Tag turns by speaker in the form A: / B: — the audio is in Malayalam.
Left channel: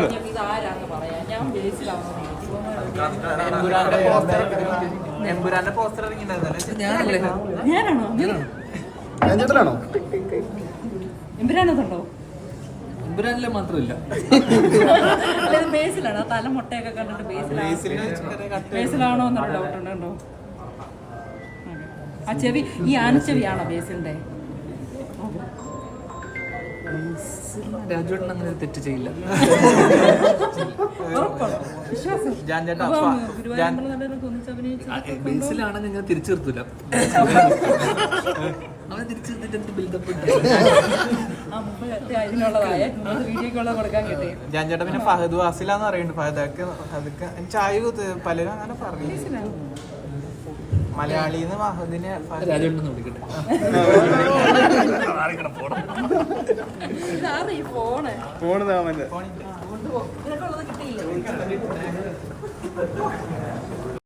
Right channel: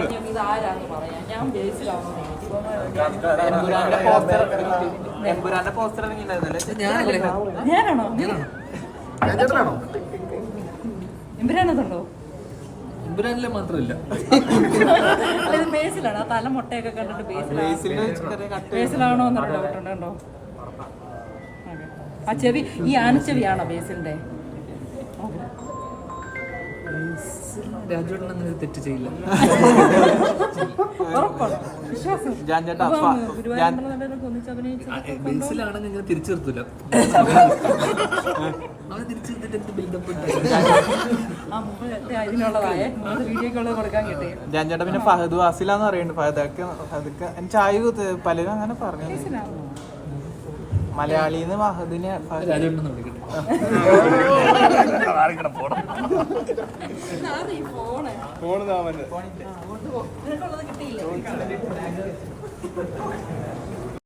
A: പറഞ്ഞിട്ട് ഇത് ആരാന്ന് പറയാം. ഞാൻ ബേസിലാണോ
B: ഞാനല്ലേ?
A: ഞാനാണോ? എമ്പുരാനതുണ്ടോ
B: എമ്പുരാനിലെ മാത്രമില്ല.
A: ബേസിലാണ്. ആ തല മുട്ടയൊക്കെ കണ്ടിട്ട് ബേസിലാണ് ബേസിലാണോ എന്നൊരു ഡൗട്ട് ഉണ്ടോ? ആ ചെവി ഈ ആനച്ചെവിയാണോ ബേസിലിന്റെ? ഓക്കേ.
B: രാജുവേട്ടൻ അങ്ങനെ ഒരു തെറ്റ് ചെയ്യില്ല. ബേസിലാണെങ്കിൽ അങ്ങനെ തിരിച്ചു നിർത്തൂല അവനെ തിരിച്ചു നിർത്തിട്ട് എന്ത് ബിൽഡപ്പ്
A: ആ മുമ്പ് ഇതിനുള്ളതായ മുമ്പ് വീഡിയോക്കുള്ളത് കൊടുക്കാൻ കിട്ടി
C: ഞാൻ പിന്നെ ഫഹദ് വാസിലാന്ന് പറയുന്നുണ്ട്. ഫഹദൊക്കെ അതൊക്കെ ചായ പലരും അങ്ങനെ പറഞ്ഞു. മലയാളിന്ന് മഹദിനെ
B: രാജുണ്ടെന്ന് വിളിക്കട്ടെ.
A: ഫോണ്. നിനക്കുള്ളത് കിട്ടിയില്ലേ?